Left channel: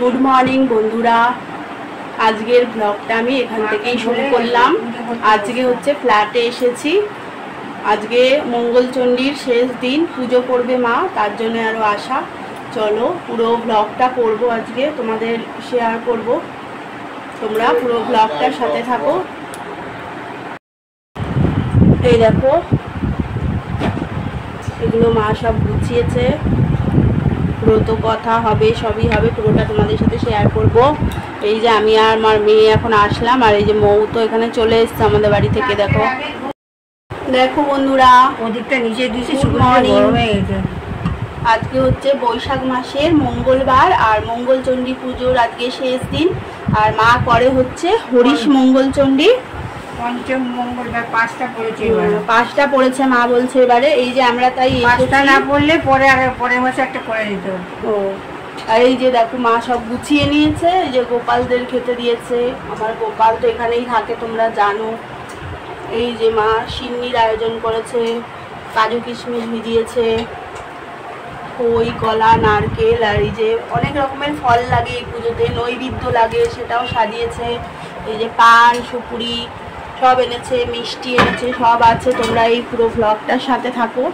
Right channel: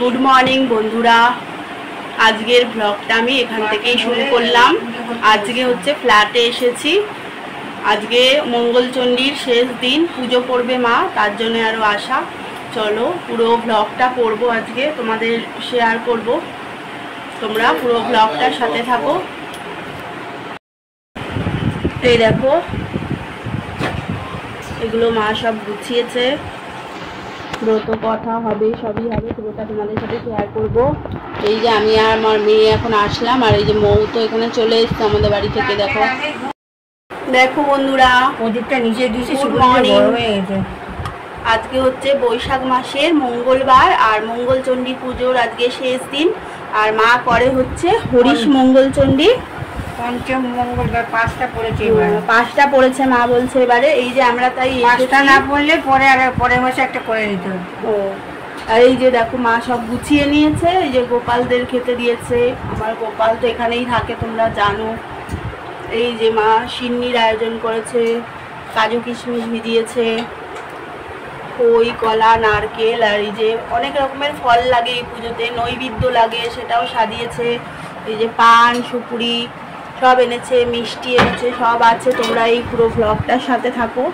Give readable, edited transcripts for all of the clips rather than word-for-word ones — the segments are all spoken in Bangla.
গুড মর্নিং বন্ধুরা, আজকের ব্লগটা আমি এখান থেকেই শুরু করলাম। আজকে হচ্ছে ফ্ল্যাটে এসেছি। আজকে মঙ্গলচণ্ডীর শেষ দিন, পুজো করবে মা, তার জন্য আরও আসা। চলো পুরো ব্লগটা করব, আজকে তোমাদের শেয়ার করব, তোমরা পুরো ব্লগটার সাথে থাকো। এই দেখো, এগুলো মা সব গুছিয়েছে, ব্রত কথা হবে, সবই হবে, পুরোটা তোমাদের সাথে শেয়ার করব। এই যে আমি আর আমার মেয়ে এখন আসলাম, আর এই যে মৌ তো এখানে চলে এসছে আমাদের বাড়ি থেকে। দেখো দেখো বন্ধুরা, ওদিকটা নিচে দিয়েছি, গুড মর্নিং। আজকে হচ্ছে বৈশাখ মাসের মঙ্গলবার, আর মঙ্গলচণ্ডী পুজোর আজকে শেষ দিন। আর মা করে হচ্ছে হরিশ মঙ্গলচণ্ডী। পঞ্চম মঙ্গলবার 5টা পড়েছে, 5টা পড়েছে মা বলছে এবারে। এই যে আমরা তাই 5টা না পড়লে পরে আর পরের মাসে একটা করে দিতে হবে। ও, আর এই যে দেখো মা সব গুছিয়ে নিয়েছে। এই যে গোপালদের খেতে দিয়েছে, আমার গোপাল তো এখানেই থাকে তোমরা জানো। এই যে মা সিন্নির আয়োজন করেছে, কাজু কিশমিশ ভিজিয়েছে, খই, কলা, নারকেল, আর এই যে অনেক রকমের ফল লাগে এই পুজোতে, নৈবেদ্য লাগে, সেটাও সাজিয়েছে। এই যে পান, সুপুরি সব এনেছে, মিষ্টি এনেছে, সব আছে। তোমরা এই পুরো ব্লগটার সাথে থাকো।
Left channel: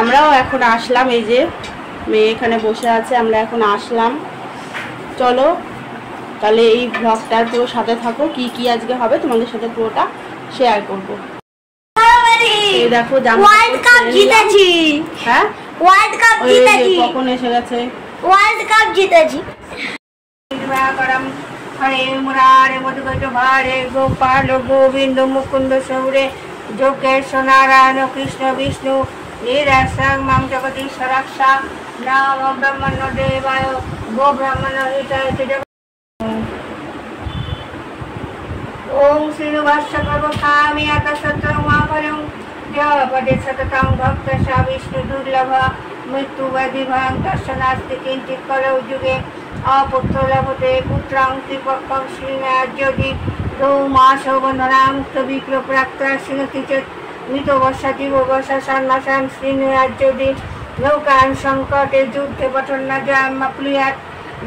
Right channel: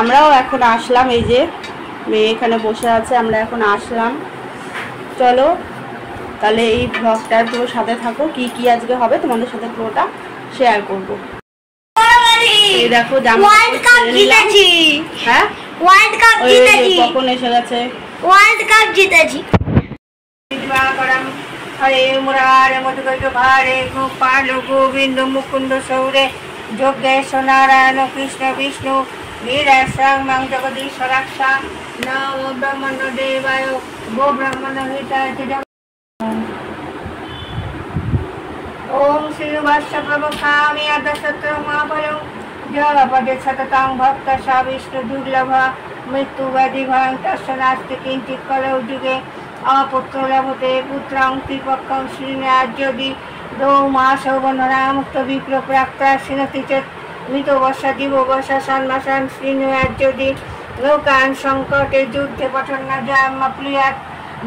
আমরাও এখন আসলাম, এই যে মেয়ে এখানে বসে আছে, আমরা এখন আসলাম। চলো তাহলে এই ব্লগটার পুরো সাথে থাকো, কি কি আজকে হবে তোমাদের সাথে পুরোটা শেয়ার করব। এই দেখো জামা জিতেছি। হ্যাঁ, ওয়ার্ল্ড কাপ জিতেছি। কখন এসে গেছে? ওয়ার্ল্ড কাপ জিতেছি। হরে মুরারে মধুকৈক ভারে গোপাল গোবিন্দ মুকুন্দ সৌরে যোগেশ নারায়ণ কৃষ্ণ বিষ্ণু নিরাশ্রং মাং জগদীশ্বরাক্ষা নাম ব্রহ্মণ্য দেবায় গো ব্রাহ্মণ হিতায়। ওম শ্রীনিবাস প্রবক্ষামি আদশত্রং মহাফলং জপদে সততং ভক্ত সা বিষ্ণু দুর্লভ মৃত্যু ব্যাধি ভয়ং তস্য নাস্তি কিঞ্চিৎ কলৌ যুগে অপুত্র লভতে পুত্রং ত্রিপক্ষং শ্রীনার্যদি রৌমাসৌ বন্ধনা মুক্ত বিপ্র প্রাক্তা শ্রীনতি চেত মৃত বর্ষা জীববর্ষা সন্মাসান শ্রীনার্যদি নৌকান সংকটে যুদ্ধে পঠন না জামাপ্লুয়াত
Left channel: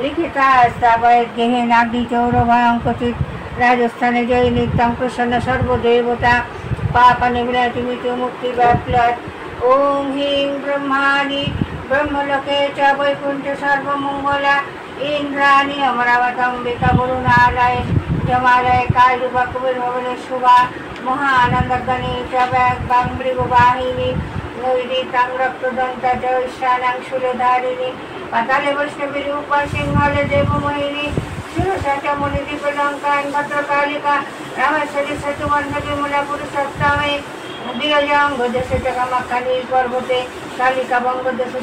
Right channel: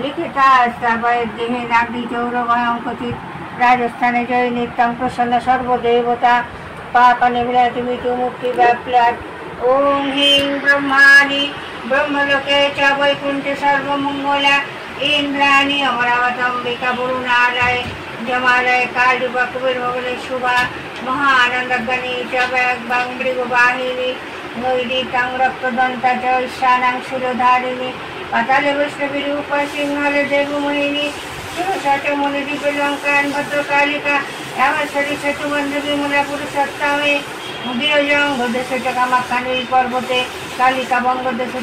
লিখিতা স্থাপয়েৎ দেহে নাগি চৌরভয়ং ক্বচিৎ রাজস্থানে জয় নিত্যং প্রসন্ন সর্বদেবতা পাপ নিবৃতি মৃত্যু মুক্তি ব্যাপ্লাত। ওম হিং ব্রহ্মাণি ব্রহ্মলোকে চ বৈকুণ্ঠে সর্বমঙ্গলা ইন্দ্রাণী অমরাবতম্বিকা গুরুনালয় জমালয় কালরূপা কুবের ভবনে শুভা মহানন্দগণী চ ব্যাং মৃগবাহিনী নৈরিতং রক্তদন্তা চ ঈশানাং সুরধারিণী পাতালে বৈষ্ণবী রূপ সিংহলে দেবমোহিনী সুরসট মুনিদীপলঙ্কান ভদ্রকালিকা রামেশ্বরী সেতুবন্ধ বিমলা পুরুষোত্তমে বিরজং দেশ কামাখ্যানী পর্বতে কালিকা বঙ্গদেশ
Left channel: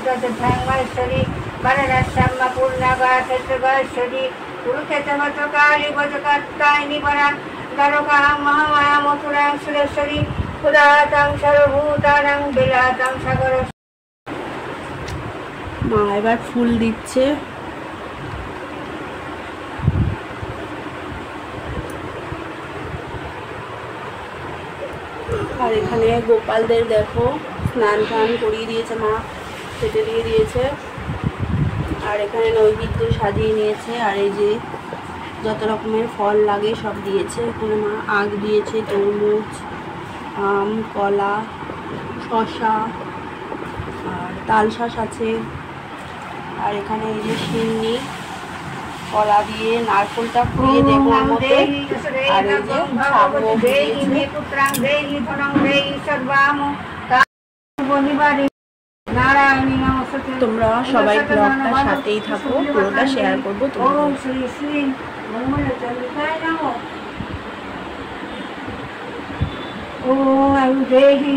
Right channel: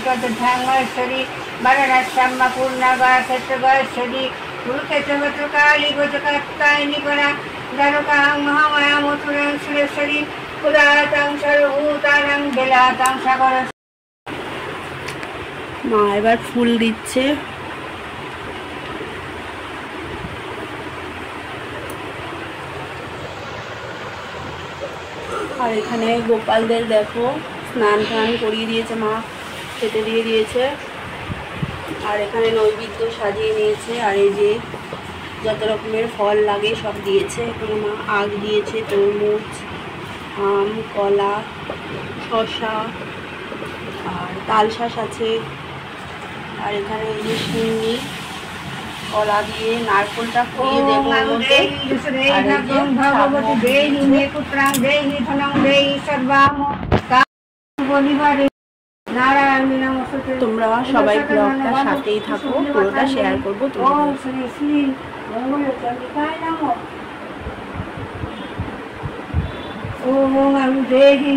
ধ্যাঙ্গেশ্বরী বারাণাশ্যাম্মা পূর্ণা গয়া ক্ষেত্র গয়েশ্বরী কুরুক্ষেত্র ভদ্রকালী ভজকাত্তায়নী পরা দ্বারকাং মহামায়া মথুরাং সুরেশ্বরী ক্ষুধাতাং সর্বভূতানাং বেলাতাং সাগর। মা এবার ফুল দিচ্ছে। আর এখানে গোপালদের দেখো স্নান টান করিয়ে দিয়েছে মা, খেতে দিয়ে দিয়েছে। আর এখানে নৈবেদ্য সাজিয়ে নিয়েছে, আর এই যে যত রকমের ফল লাগে সব দিয়েছে। এখানে মা আগ দিয়েছে, তরমুজ, আম, কলা, শসা, আর তালশাঁস আছে। আর এখানে এই যে সিন্নি, কলা দিয়ে নারকেলটা পুড়িয়ে দেবো ওর মধ্যে। আর এই যে তোমরা সবাই ব্লগটার সাথেই থাকো, পুরোটা শেয়ার করবো তোমাদের। শ্রী শ্রী মঙ্গলচন্ডিকায় নমঃ। ওম আমি দেহি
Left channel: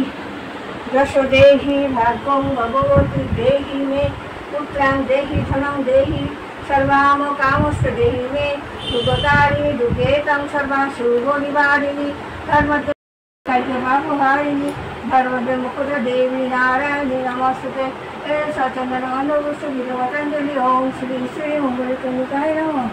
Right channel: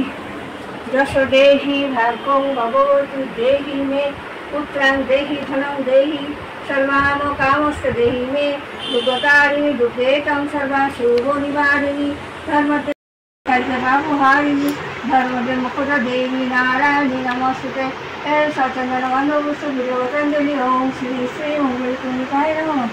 যশ দেহি ভাগ্যং ভগবতী দেহি মে পুত্রাং দেহি ধনং দেহি সর্বাম কামস্ত দেহি মে দুর্গতারিণী দুর্গেতং সর্বা শুভ নিবারিণী ধর্মতে কার্যভাবহারিণী ধর্মদে মুকুট দেবী নারায়ণী নমস্তে সচন্দন মনোবস্তু বিজয়চন্দ্রী। ওম শ্রী শ্রী মঙ্গলচন্ডিকায় নমঃ।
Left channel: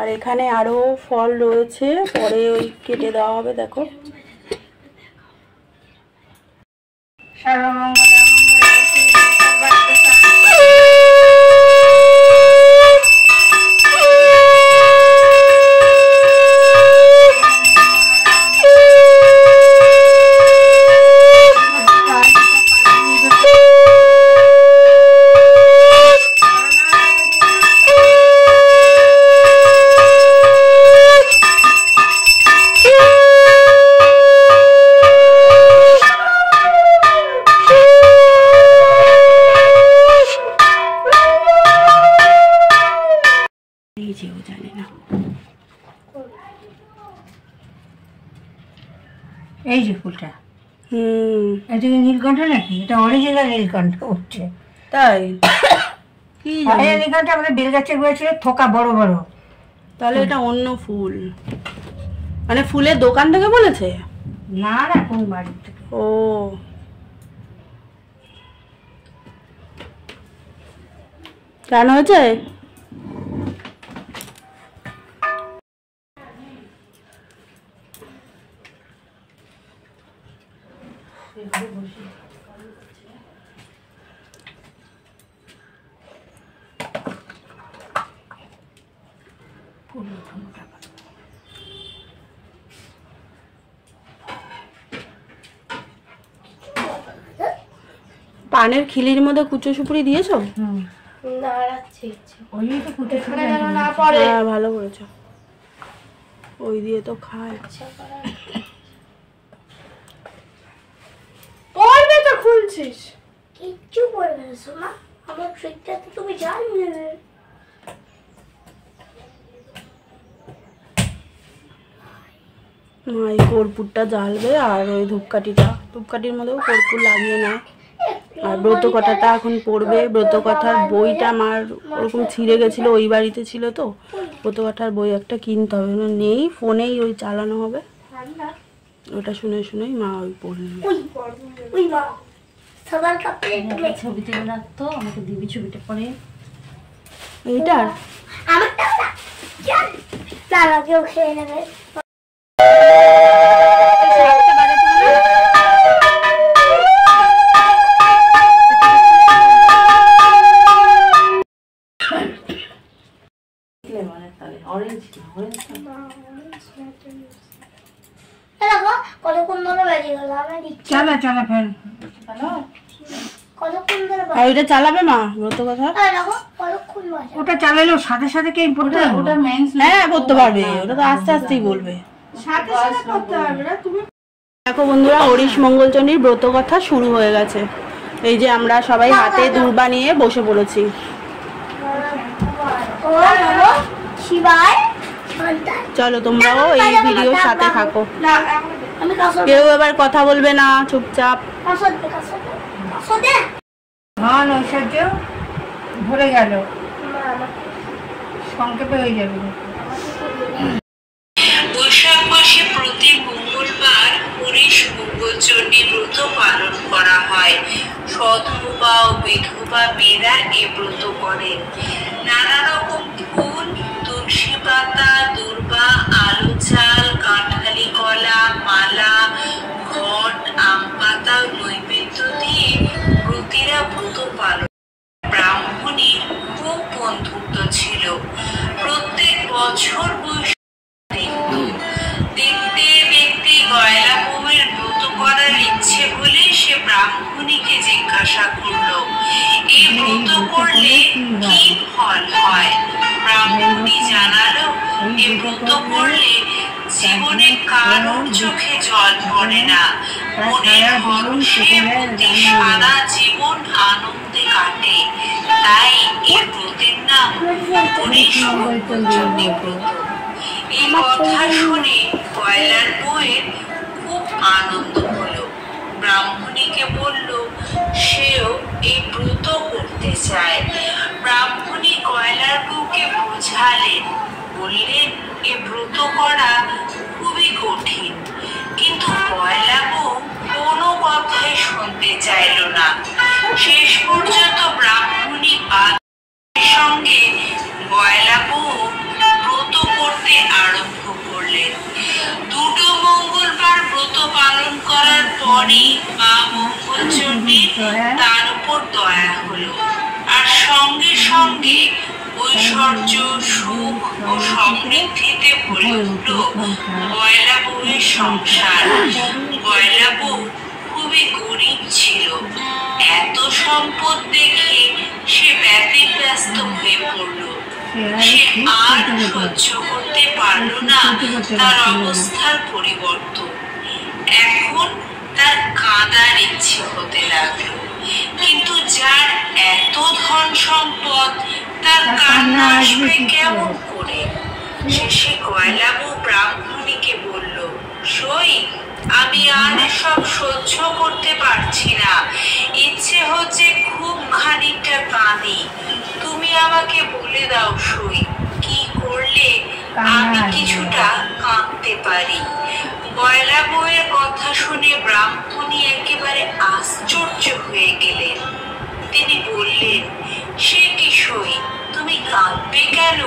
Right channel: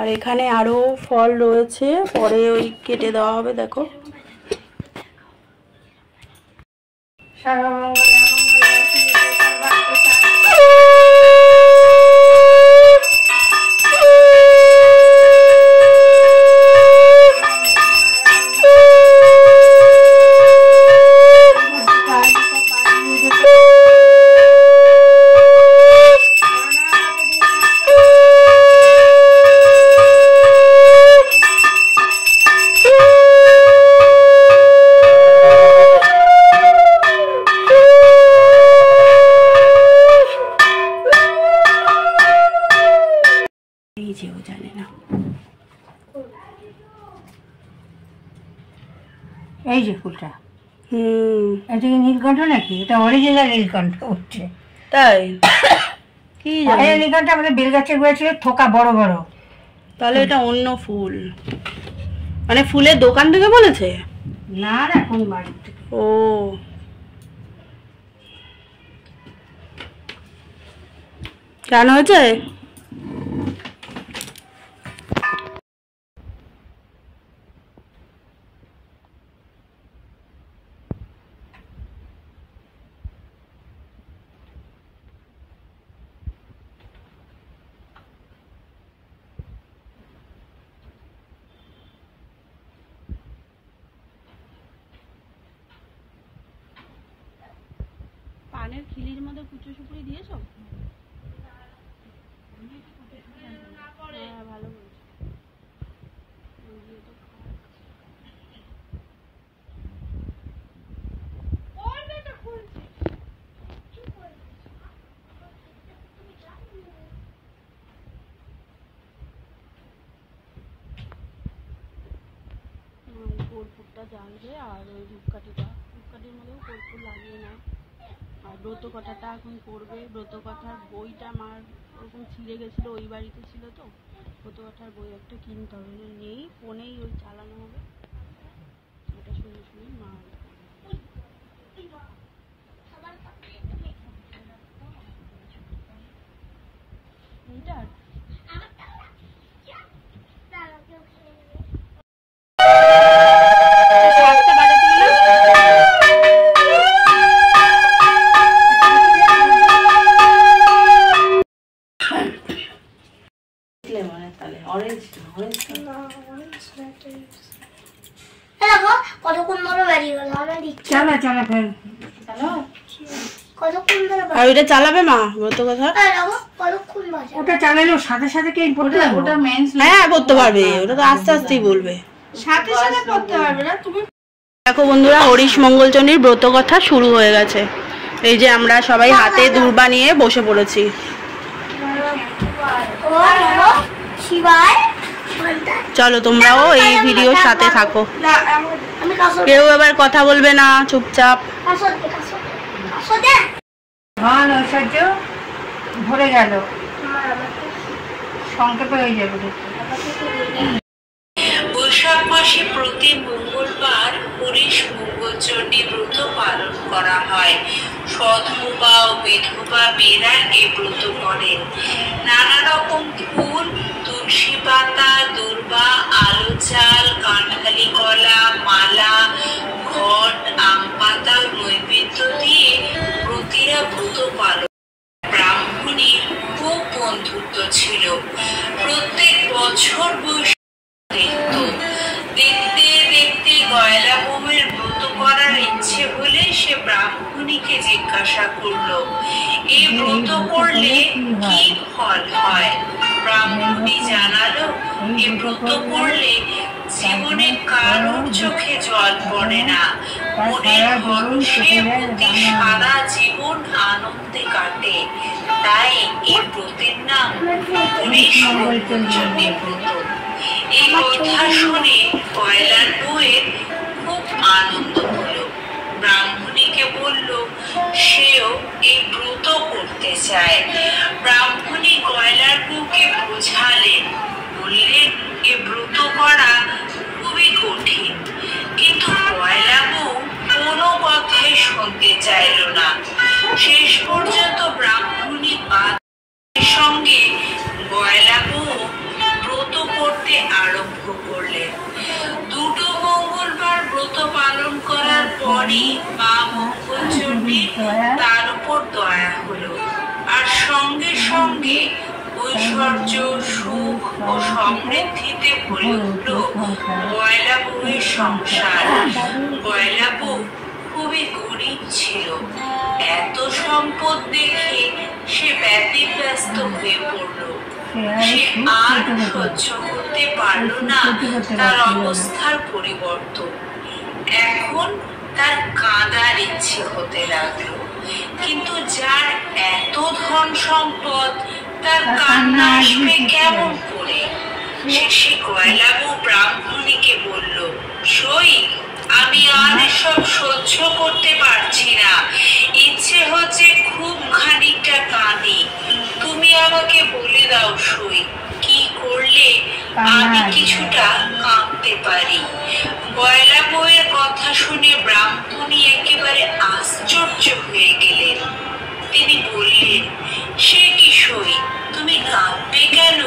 আর এখানে আরো ফল রয়েছে, পরে ওই কেটে দেওয়া হবে। দেখো এই যে ফুলটা, এটা কি নীলকণ্ঠ নাকি? এটা অরিজিনাল নীলকণ্ঠ উঠছে। তাই? কি জানি নীলকণ্ঠ আমাদের বেল গাছের গোড়ায় ছিল, থোকা বড় বড়। তাহলে এটা অন্য ফুল, মানে ফুলের দোকান থেকে বলেছে? না না, কোন বাড়ি থেকে। ও কেন হয়েছে? পানের খিলির মধ্যে কুচো সুপুরি দিয়েছো? হ্যাঁ ভালো করেছো, ওই দিয়ে তো খায়। পড়বে তো খুলছিস, কিচ্ছু পড়বে না সোমা, আমার ট্রিকটা তো তুমি জানবে না। এই কর্পূরটা জ্বালবে আর ওই ধূপকাঠির মধ্যেও কর্পূর লাগিয়ে নেয়। আর ব্রতকথাটা এখন পড়বে। ব্রতকথার বইটা আমার ওরকম ছিঁড়ে গেছিলো, ওই বাড়িতে ছিল তো, ব্রতকথার বই একটা কিনতে হবে, নেই, ফোনেই ওই চালানো হবে, ওটা শুনে শুনেই মা ওই পড়ে নেবে। ছবি তুলে রাখতো, আমাকে দিবি ছবিটা পরে। এইটার কেউ খেয়ে নেবে। আর ওইটা চালাবে মা ব্রতকথা? ওটা চালালেও সাথে সাথে কে পড়তে পারবে? ওটা মেন, হ্যাঁ পড়তে পারবে, ওটা তো আস্তে আস্তেই বলবে, সাথে সাথে পড়তে পারবে না তুমি। দেখো বন্ধুরা, হরিশ মঙ্গলচণ্ডীর ব্রতকথা শুরু হয়ে গেছে। এই যে আমরা সবাই হাতে দূর্বা নিয়ে বসে পড়েছি। চলো তোমরাও এই ভিডিওর সাথে থাকো, কেউ এবার কথা বলবে না, চুপচাপ। মহান ঐশ্বর্য ভরে গেল, সংক্ষেপে হয়ে যাবে। বৈশাখ মাসে প্রতি মঙ্গলবার হরিশ মঙ্গলচণ্ডী ব্রত পালন করা হয়। সধবা ও বিধবা মেয়েরা এ ব্রত করেন। নানা রকম ফুল, তুলসী পাতা, দূর্বা, আলু চাল, কাঁঠালি কলা, মালা, ঘট, আম পাতা, নৈবেদ্য দিয়ে ব্রতীরা ব্রত পালন। ব্রাহ্মণীর খুব বন্ধুত্ব ছিল। প্রত্যেক বছর দেখতে দেখতে গয়লা বউয়ের ব্রত করার ইচ্ছে হলে সে ব্রাহ্মণীকে জিজ্ঞাসা করলো, এই ব্রত করলে কি ফল হয়? ব্রাহ্মণী জানালো, এই ব্রত করলে জীবনে কারোর চোখে জল পড়ে না, মনের হরষে প্রতি সারা জীবন আনন্দে কাটে, তাই এই ব্রতের নাম হরিশ মঙ্গলচণ্ডী ব্রত। এই কথা শুনে গয়লার বউয়ের খুব আনন্দ হলো। ব্রাহ্মণীকে বলল সেও এই ব্রত করতে চায়। ব্রাহ্মণী গয়লার বউকে বোঝালেন, বললেন এ ব্রত করা খুবই কঠিন, কিন্তু গয়লা বউ কোনো কথাই শুনতে চাইল না। শেষ পর্যন্ত ব্রাহ্মণী বাদের সঙ্গে গয়লা বউ ব্রত পরপরই মা মঙ্গলচণ্ডীর তার উপর দয়া হলো, আর সঙ্গে সঙ্গে ঐশ্বর্য, সুখ ও সমৃদ্ধিতে ভরে উঠল গয়লা বউয়ের সংসার। গয়লা বউ খুবই গরিব ছিল। এত সম্পদ দেখে সে ব্যতিব্যস্ত হয়ে পড়ল। সে আর সহ্য করতে পারল না তার অবস্থার পরিবর্তন। এখন তার কাঁদার ইচ্ছে হতে লাগলো, কিন্তু যার এত ধন সম্পদ তার কান্না আসবে কেমন করে? শেষে গয়লা বউ ব্রাহ্মণীকে বলল, সই আমি আর সব সহ্য করতে পারছি না, ইচ্ছে হচ্ছে খুব খানিকটা কাঁদি, তুমি আমাকে বলে দাও সই, কি করলে আমি কিছুটা কাঁদতে পারি। গয়লা বউয়ের কথা শুনে ব্রাহ্মণী একেবারে আশ্চর্য হয়ে গেলেন। তিনি বললেন, সে কি সই, তুমি কাঁদবে কেন?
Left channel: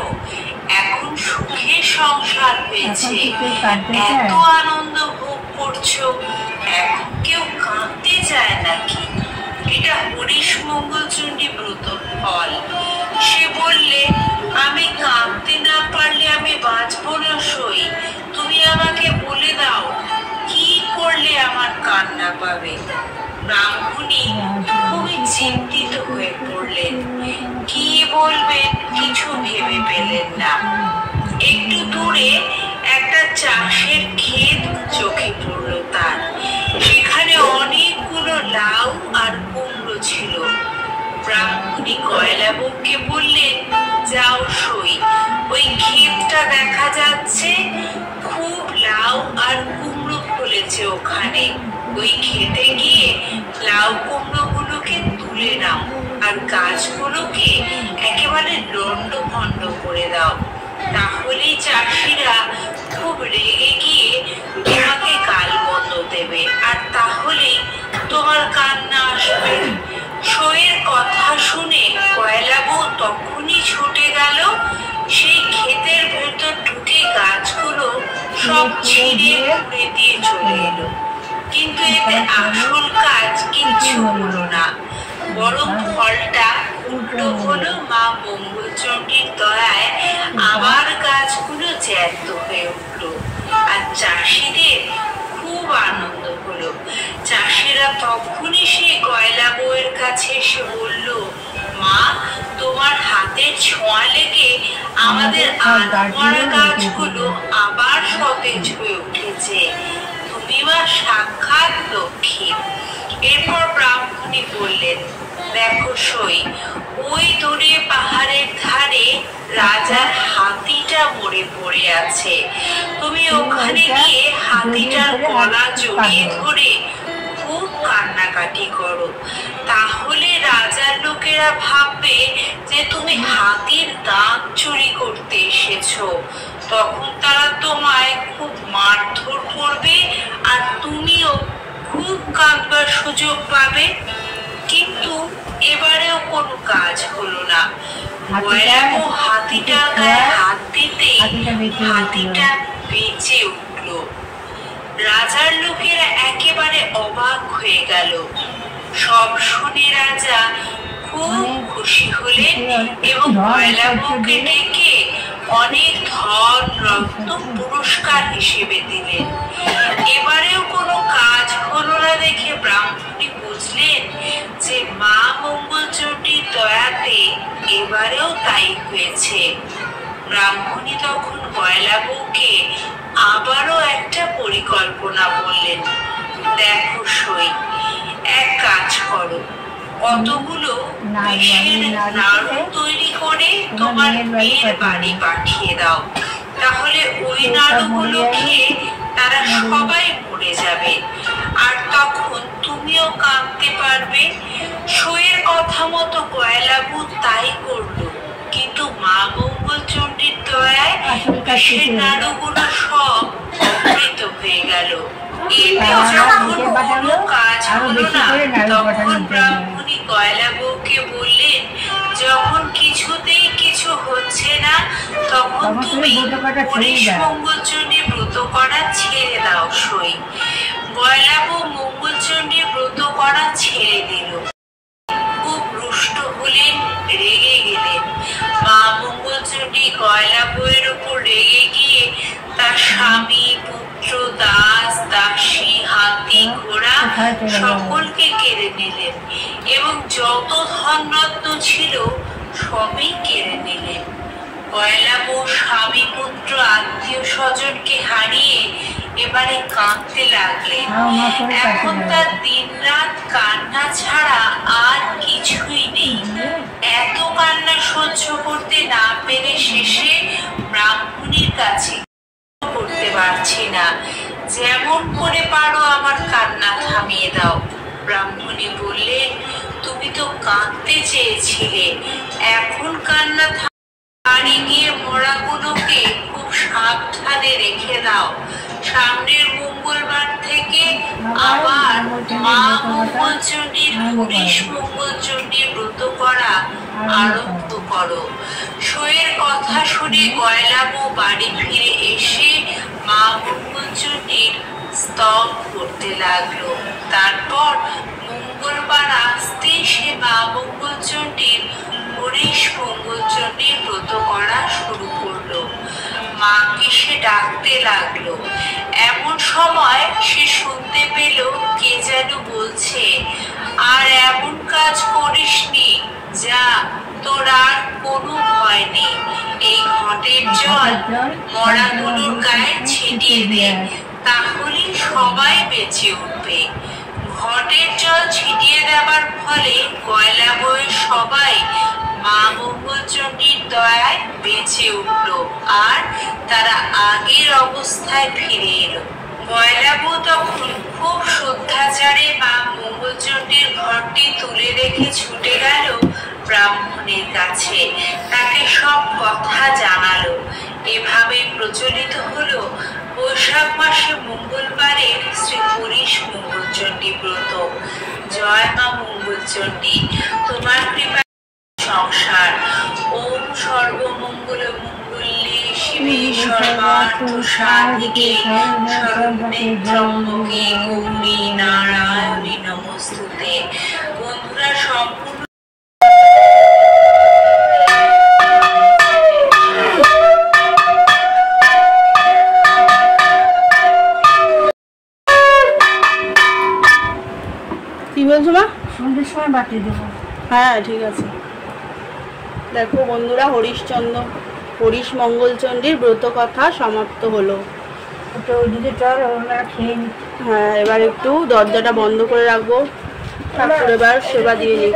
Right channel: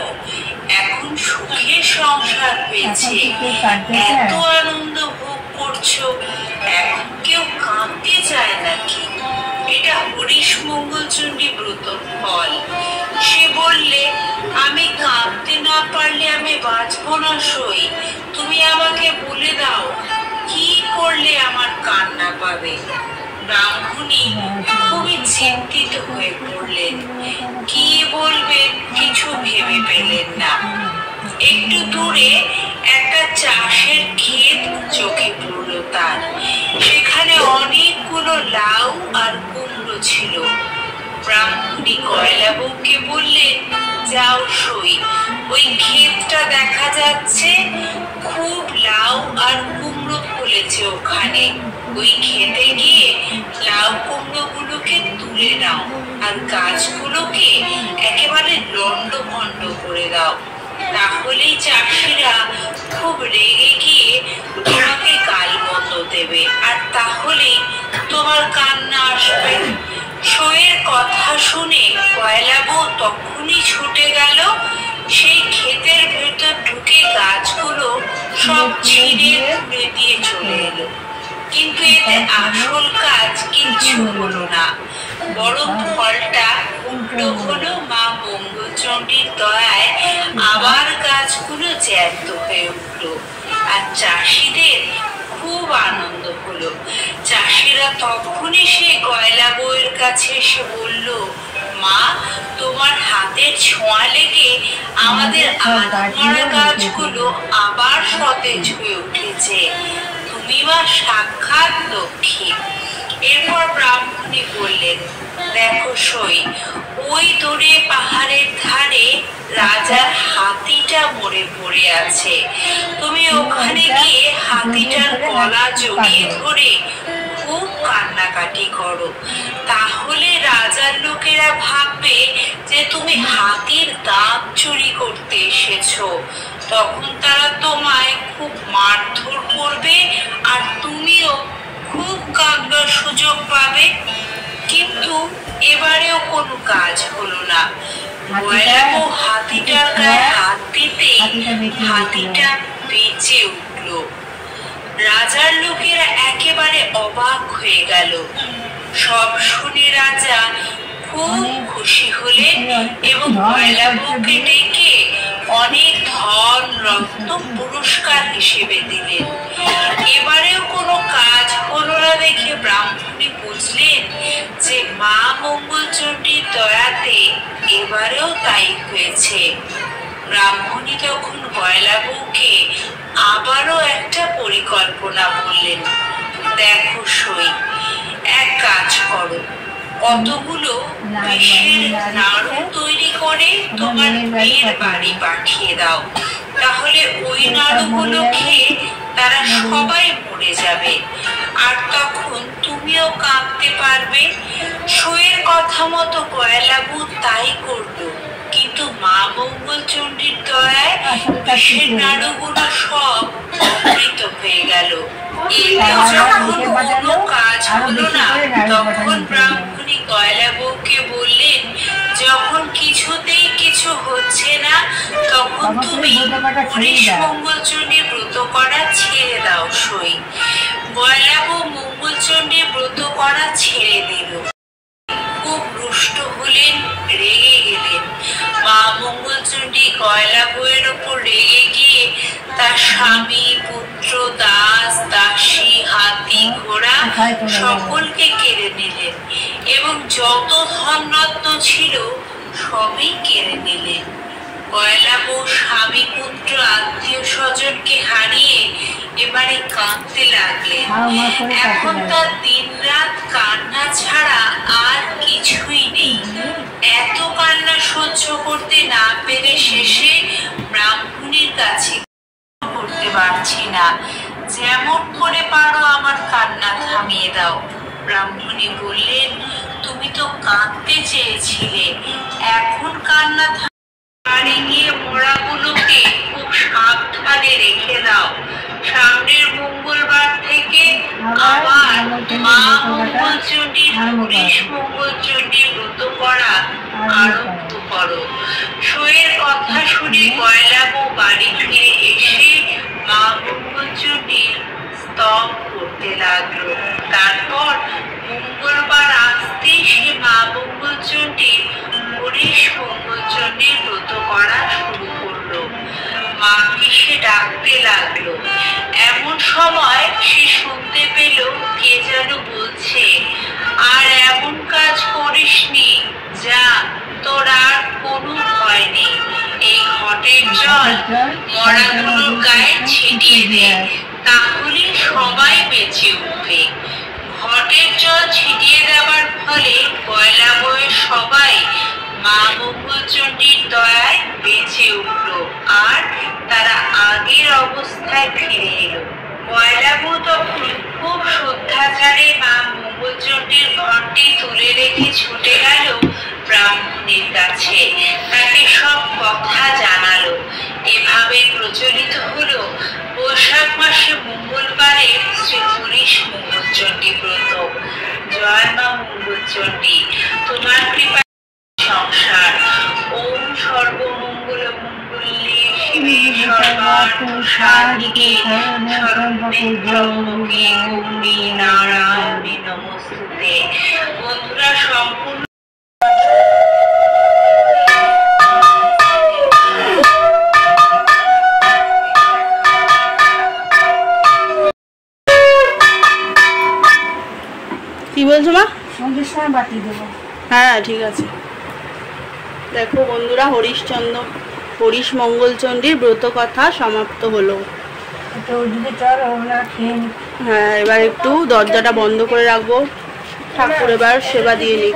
এখন সুখে সংসার হয়েছে, এত আনন্দ ভোগ করছো, এখন কেউ কাঁদতে চায় নাকি? এটা হরিশ মঙ্গলচণ্ডী ব্রত ফল। সে বললে, আমি কাঁদতে না পারলে আমি বাঁচবো না সই, তুমি আমাকে বলে দাও কি করলে আমার কান্না পাবে। ব্রাহ্মণী খুবই চিন্তিত হয়ে পড়লেন, কি বলবে কিছু ভেবে পেলেন না। একটু দূরে একটা চাষের ক্ষেত চোখে পড়ল তার। সেখানে অনেকগুলো লাউ আর কুমড়ো ছিল। ব্রাহ্মণী গয়লা বউকে বললেন, যাও সই, ওই ক্ষেতটা দেখা যাচ্ছে, খুব লাউ আর কুমড়ো ফলেছে ওখানে, ওই খেতে গিয়ে লাউ কুমড়ো গুলোকে তুলে নাও আর গাছগুলোকে একেবারে লন্ডভন্ড করে দাও, তাহলেই চাষিরা খুব রেগে গিয়ে তোমাকে গালমন্দ দেবে, আর তাহলেই তোমার কান্না আসবে। সইয়ের কথা শুনে গয়লা বউ তখনই ছুটে গেল, সেই ক্ষেতের ভেতর ঢুকে গাছগুলো সব ছিঁড়ে তুলে দিয়ে চলে এলো। কিন্তু এতে আসল কাজ কিচ্ছু হলো না, বরং ফলটা উল্টো হলো। মা মঙ্গলচণ্ডীর দয়ায় আবার গাছগুলো জ্যান্ত হয়ে উঠলো, আর চাষিদের খুব আনন্দ হলো। চাষিরা তখনই সে গয়লা বউয়ের কাছে এসে বলল, মা তোমার হাতের ছোঁয়া লেগে আমাদের আধমরা গাছগুলো আবার সতেজ হয়ে উঠেছে, তুমি মা সাক্ষাৎ লক্ষ্মী। এরপর ব্রাহ্মণী বললেন, দেখো সই, ওই দূরে পাহাড়ের ধারে রাজার হাতিটা মরে পড়ে আছে, তুমি ওখানে গিয়ে হাতিটার গলা জড়িয়ে ধরে খুব কান্নাকাটি করো, তাহলে রাজার লোকেরা ভাববে যে তুমি হাতির দাঁত চুরি করতে এসেছো, তখন তারা তোমায় খুব মারধর করবে আর তুমিও খুব কাঁদবার সুযোগ পাবে। কিন্তু এবারেও কোনো কাজ হলো না। গয়লা বউ হাতিটার গায়ে হাত দিতে হাতিটা বেঁচে উঠল। রাজার লোকেরা একেবারে অবাক হয়ে গেল। সব শুনে রাজা খুব খুশি হলেন এবং গয়লা বউকে ডেকে অনেক ধন রত্ন পুরস্কার হিসেবে দিলেন। এবারেও কোনো কাজ হলো না দেখে ব্রাহ্মণী বুঝলেন যে মা মঙ্গলচণ্ডীর দয়াতে এবারেও তাই হয়েছে। ব্রাহ্মণী তখন গয়লা বউকে আবারও একটা পরিকল্পনা বললেন, দেখো সই, এক কাজ করো, কতগুলো বিষের নাড়ু তৈরি করে তোমার মেয়ের বাড়ি পাঠিয়ে দাও, তাহলে ওই নাড়ুগুলো খেয়ে তারা সবাই মরে যাবে, আর তখন তুমিও কাঁদতে পারবে। সইয়ের কথা মতো গয়লা বউ তাই করলো, কিন্তু মা মঙ্গলচণ্ডীর দয়ায় বিষের নাড়ুগুলো সব অমৃত হয়ে গেল। এতেও যখন কোনো কাজ হলো না, তখন ব্রাহ্মণী গয়লা বউকে বললেন, যখন কিছুতেই কিছু হচ্ছে না, তখন তুমি হরিশ মঙ্গলচণ্ডীর ব্রত করা ছেড়ে দাও সই। গয়লাবু মঙ্গলচণ্ডীর ব্রত করা ছেড়ে দিল। খুব রুষ্ট হলেন, রেগে গেলেন। মা মঙ্গলচণ্ডী গয়লাবুয়ের উপর রেগে গিয়ে তার স্বামী, পুত্র, দাস, দাসী, হাতি, ঘোড়া সকলকে কেড়ে নিলেন এবং যত ধনরত্ন ছিল সবই কেড়ে নিলেন। গয়লাবু স্বামী, পুত্র, আত্মীয় স্বজনকে হারিয়ে এবারে কাঁদতে লাগলেন। এখন তার দিন রাত কান্না ছাড়া আর কিছুই নেই। এত কান্না সহ্য করতে না পেরে শেষে ব্রাহ্মণীর কাছে করতে পারছি না, যেমন করে পারো আমার কান্না থামিয়ে দাও। ব্রাহ্মণী বললেন, তুমি তো কাঁদতে চেয়েছিলে, এখন কান্না বাড়ি গিয়ে মোড়াগুলোকে খুব সাবধানে রেখে দাও। সামনের মঙ্গলবার থেকে আমার মা মঙ্গলচণ্ডীর হরিশ মঙ্গলচণ্ডীর ব্রত করা আরম্ভ করো। শোয়ের কথা শুনে গয়লাবু বাড়ি ফিরে এসে মা মঙ্গলচণ্ডীর স্তব করতে লাগলো। তারপর মঙ্গলবার আসতেই সে মা মঙ্গলচণ্ডীর হরিশ মঙ্গলচণ্ডীর ব্রত করা শুরু করলো। মাকে সে ডাকতে লাগলো। এমন সময় সে শুনতে পেল কে যেন বলছে, আর এমন কাজ করিসনি, যা, তোর আর কোনো ভয় নেই। এই ঘটের জল মরাগুলোর গায়ে ছিটিয়ে দে, তাহলে সবাই বেঁচে উঠবে। ঘটের জল ছিটিয়ে দেওয়ার ফলে গয়লাবুয়ের সবাই মা মঙ্গলচণ্ডীর দয়ায় বেঁচে উঠল আর তারা আগের অবস্থায় ফিরে এলো। গয়লাবু তখন খুব শ্রদ্ধাচারে মা মঙ্গলচণ্ডীর ঘরটি তুলে রেখে ছুটে গেল ব্রাহ্মণের কাছে, তাকে সব কথা জানালো। এভাবে প্রচলিত হলো বৈশাখ মাসে মঙ্গলবারে শ্রী হরিশ মঙ্গলচণ্ডী ব্রত। জয় মা মঙ্গলচণ্ডী, তোমার কৃপা সংসার। ওম সর্বমঙ্গল মঙ্গলে শিবে সর্বার্থ সাধিকে শরণ্যে ত্র্যম্বকে গৌরী নারায়ণী নমস্তুতে। বন্ধুরা, সম্পূর্ণ কি বলছো মা? সন্ধ্যের সময় বাতি দেবো। হ্যাঁ ঠিক আছে। দেখো বন্ধুরা, হরিশ মঙ্গলচণ্ডীর ব্রত কথা সমাপ্ত হলো। তো যদি চল ওরা খেয়ে নি। হ্যাঁ, এবার একটু দরজাটা বন্ধ করে রাখবো, ঠাকুর এবার সেবা দিয়ে নিক।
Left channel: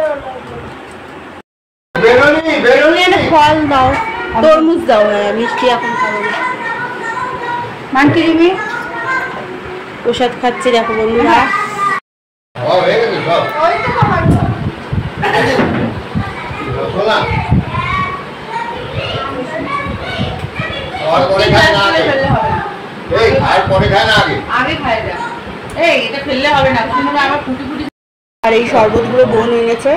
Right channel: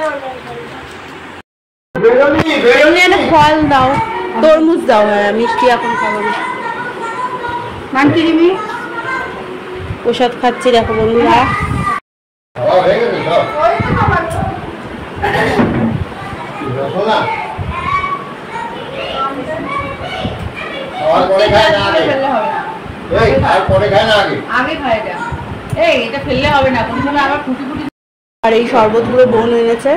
ফল দাও, তরমুজ দাও। হ্যাঁ, মিষ্টি এখন খাবো না। মানকি দিবি? প্রসাদ খাচ্ছি দেখো বন্ধুরা। আর এই শরবতগুলো বোন এনেছে,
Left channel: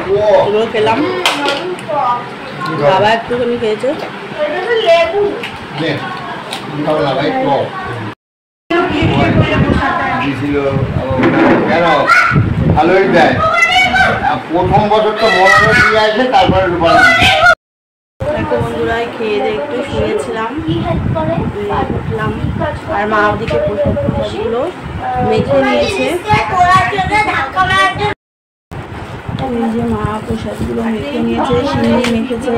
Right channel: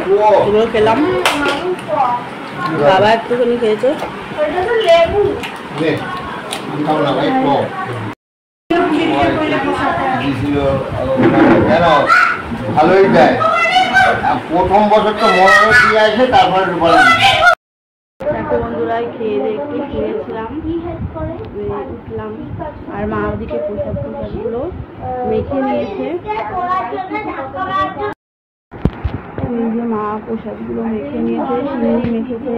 এগুলো খেলাম। বাবা একটুখানি খেয়েছে। ভালোই দেয়, প্রথম বছর তো মরানো দিয়ে আসে, তারপরে দেখো বন্ধুরা, খেয়ে দিয়ে একটু শুয়েছিলাম, উঠলাম। আর মা ওদিকে প্রসাদগুলো মেখে নিয়েছে। এই যে মা প্রসাদগুলো মেখে নিয়েছে, সিন্নি মেখেছে,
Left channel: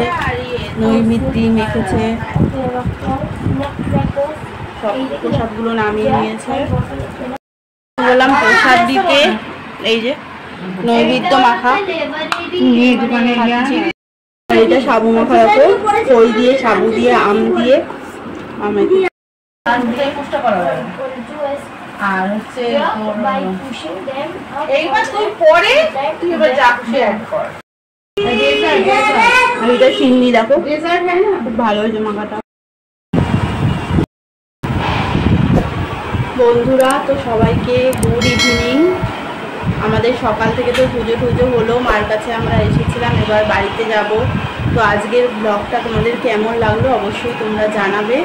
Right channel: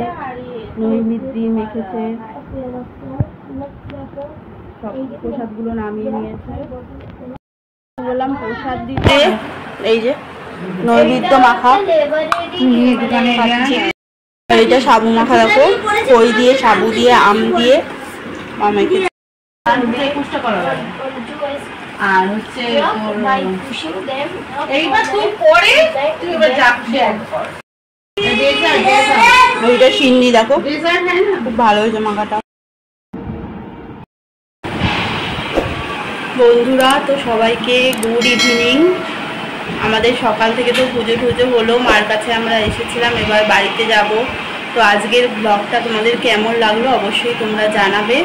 নৈমিত্তি মেখেছে, সব প্রসাদগুলো নামিয়ে নিয়েছে। বললাম প্রসাদ দিতে, এই যে নৈবেদ্য মাখা, এইটা সাবু মাখা। দেখো খই দিয়ে, সাবু দিয়ে, আম দিয়ে মামাকে। আর হচ্ছে এইবার তুই পরে তুই এবার যাচ্ছে অ্যাড কর। এইটা সিন্নি দেখো, খুব ভালো হয়েছে মাখাটা। বন্ধুরা, তো সবাইকে গুড ইভিনিং। আমাদের সকাল থেকে তো পুজো টুজো হলো, মার কাছে আমরা এসেছিলাম, এবার বাড়িতে যাব। তো আজকের ব্লগটা তোমাদের কেমন লাগলো অবশ্যই তোমরা জানাবে।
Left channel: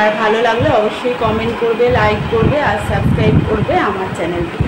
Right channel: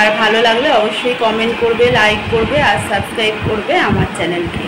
আর ভালো লাগলে অবশ্যই কমেন্ট করবে, লাইক করবে আর সাবস্ক্রাইব করবে আমার চ্যানেলকে।